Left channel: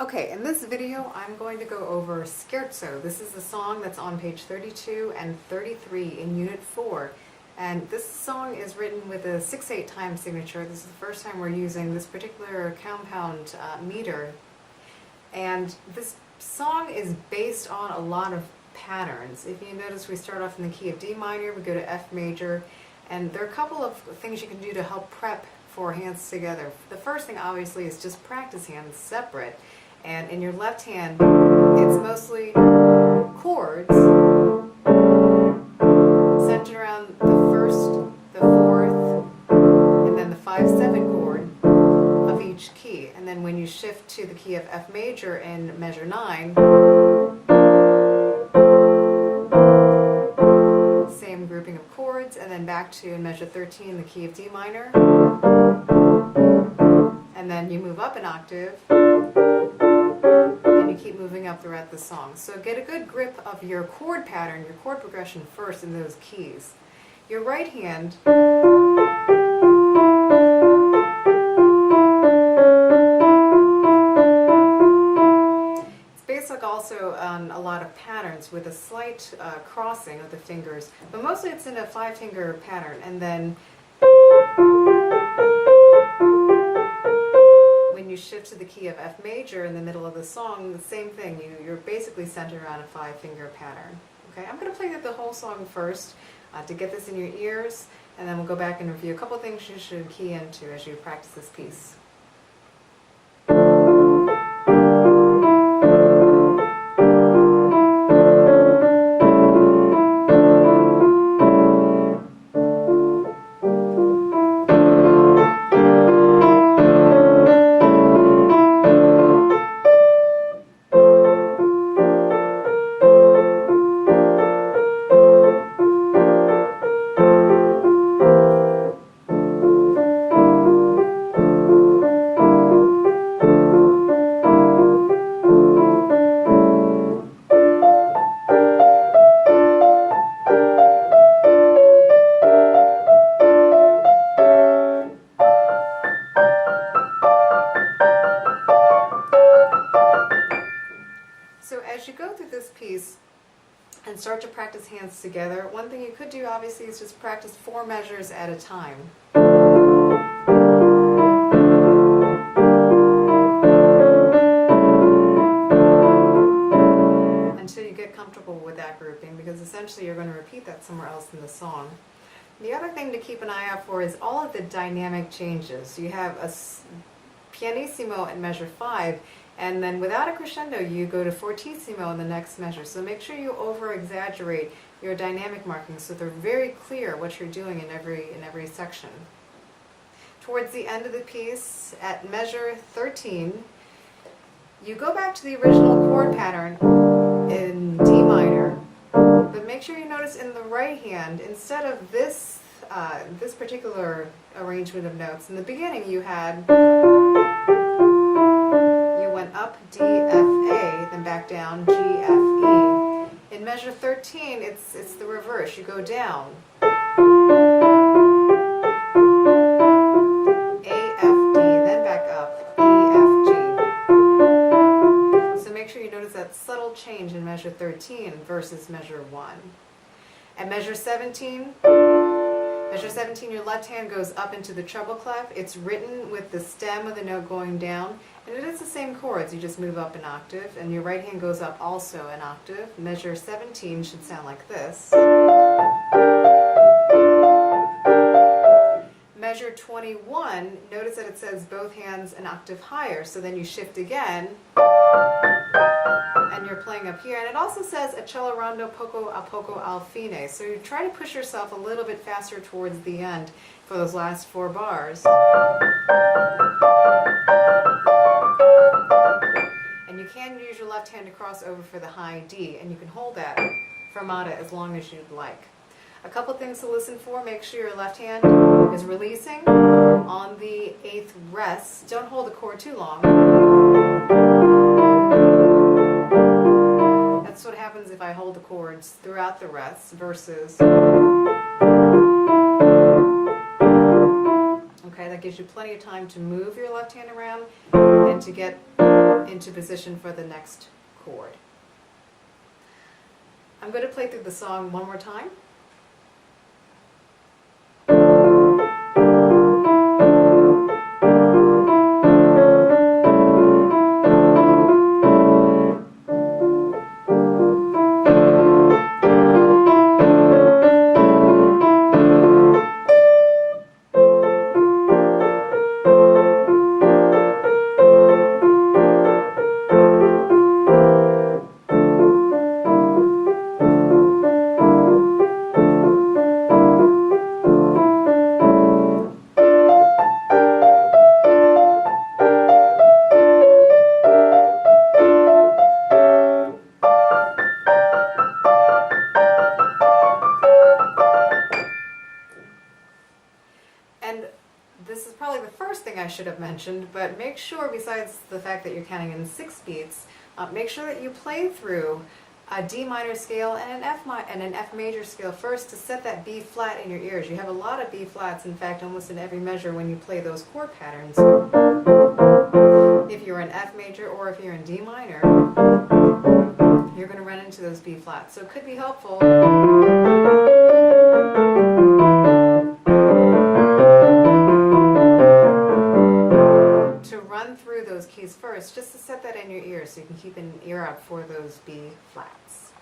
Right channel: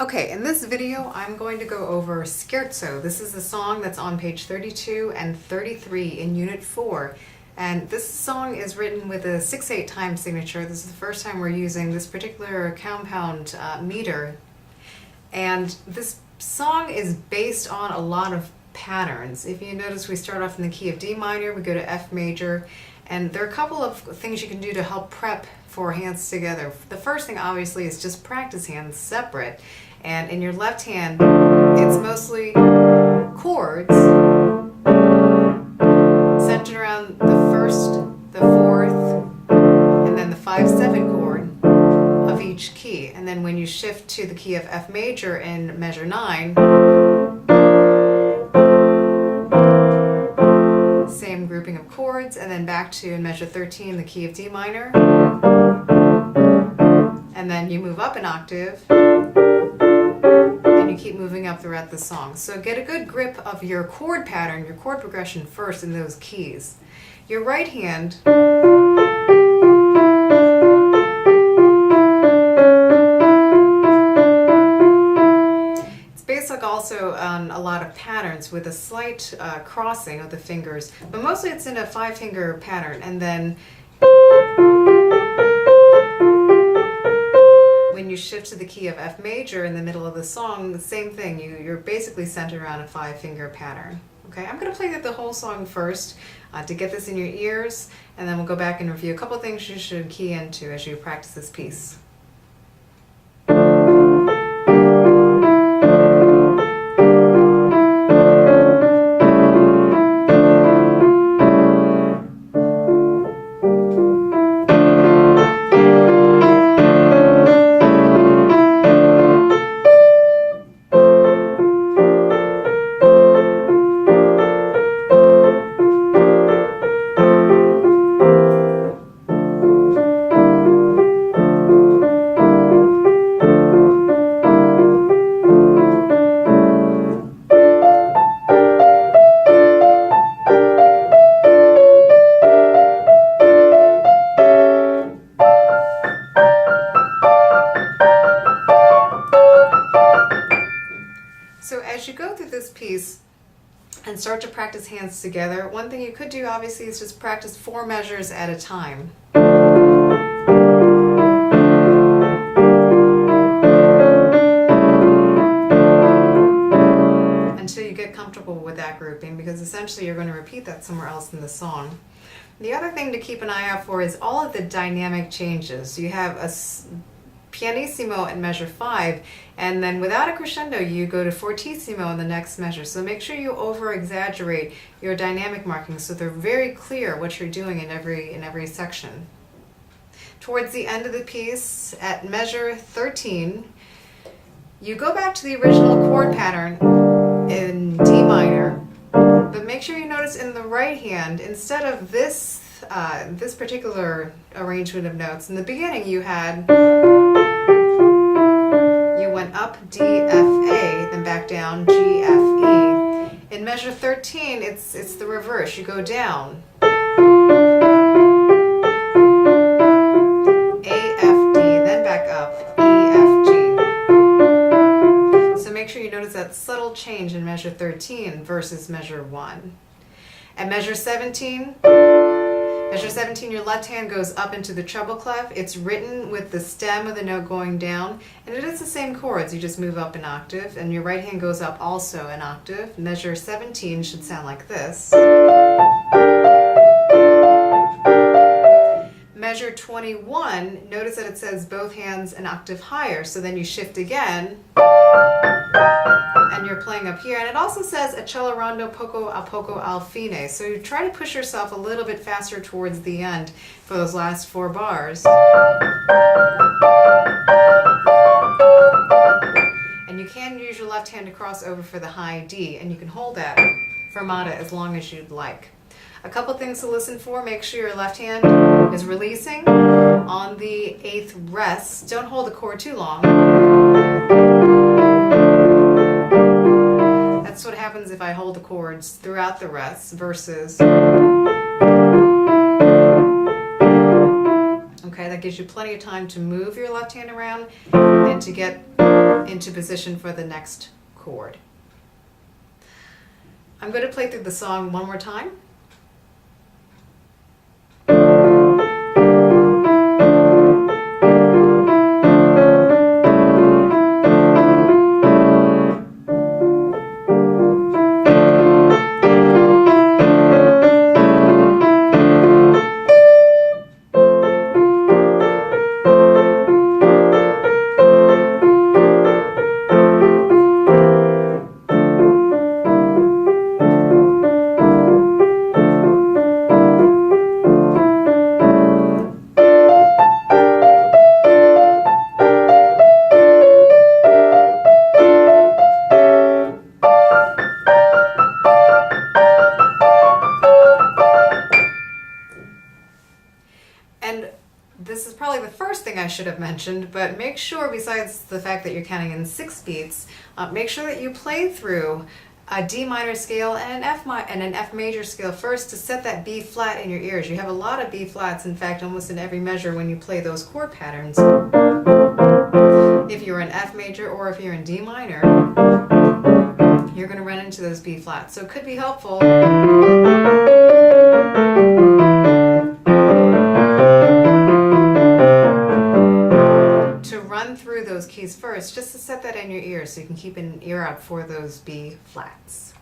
Okay, in this video I'm going to go over Scherzo. This is a song that's on page 32 and 33 in Unit 4. And this song is written with a 6/8 time signature. This is the first time we're using this particular compound meter. And this song is based on a lot of patterns. If you notice, we start off in the key of D minor, we go to F major, and there are a couple of things you can do to help prep for hands together. The first thing obviously is just practice hands separate. And in your left hand, it's mostly chords centered around the first, the fourth, and then the 5/7 chord of each key. And then when you shift to the key of F major in measure 9, same grouping of chords, and then back to in measure 13, the key of D minor, and then you move up an octave, and you keep moving up throughout the song. So get a good grip of your chord pattern, your chord progression first in those keys. Your right hand also on a lot of patterns with a slight crossing of the fingers, but mostly it's in a 5-finger pattern. And then when you shift to the key of F major in the middle of the song, same thing, you're basically centered around a 5-finger pattern. Okay, I'm going to play the whole song first to get this in your ears, and then we'll go back and review a couple things you should key into as you practice this piece. So as you go through this piece and start to practice hands together, one thing you could do obviously is just practice 4 measures at a time. Until you get comfortable with that grouping, because essentially you're going to repeat that somewhere else in the song. The other thing to keep an eye out for is all of the dynamic changes. So you have a pianissimo in measure 5, and then without a crescendo you go to fortissimo in the next measure. So make sure you over exaggerate your dynamic markings so they're very clear what you're doing in every section. Towards the end of the piece, at measure 13, you go back to the original chord pattern in D minor, but make sure you notice in the right hand, instead of this particular arrangement of notes, in the beginning you went up D, F, A, then back down G, F, E. In measure 13, it's the reverse. You go down A, F, D, then back up E, F, G. So make sure you notice that subtle change in measure 13 versus measure 1. At measure 17, your left hand goes up into the treble clef. It's written with the stem of the note going down, and it is the same chords, you just move up an octave, and your right hand goes up also an octave. Measure 17 should sound like this. Measure 21, notice that it says both hands an octave higher, so then you shift again, and you're playing up here. And it also says accelerando poco a poco al fine, so you try to push yourself a little bit faster towards the end for those last 4 bars. And you can use your left hand to cross over for the high D, and you can hold that fermata as long as you'd like. A couple things to listen for: make sure your left hand is releasing on the 8th rest. Don't hold the chord too long. That's what happens if I hold the chords throughout the rests versus. Okay, that gives you plenty of time to move your left hand around and to get into position for the next chord. I'm going to play through the song one more time. And this is probably the first thing I should have mentioned, but make sure, besides the fact that you're counting in 6 beats, make sure that you play through a D minor scale and an F major scale first to set that B flat in your ears. You have a lot of B flats, in fact, almost in every measure when you play those chord patterns. If you're in F major or if you're in D minor, you're going to run into those B flats. So it could be helpful to run through those keys first, just to set that in your ear so you can keep an ear out for those B flats.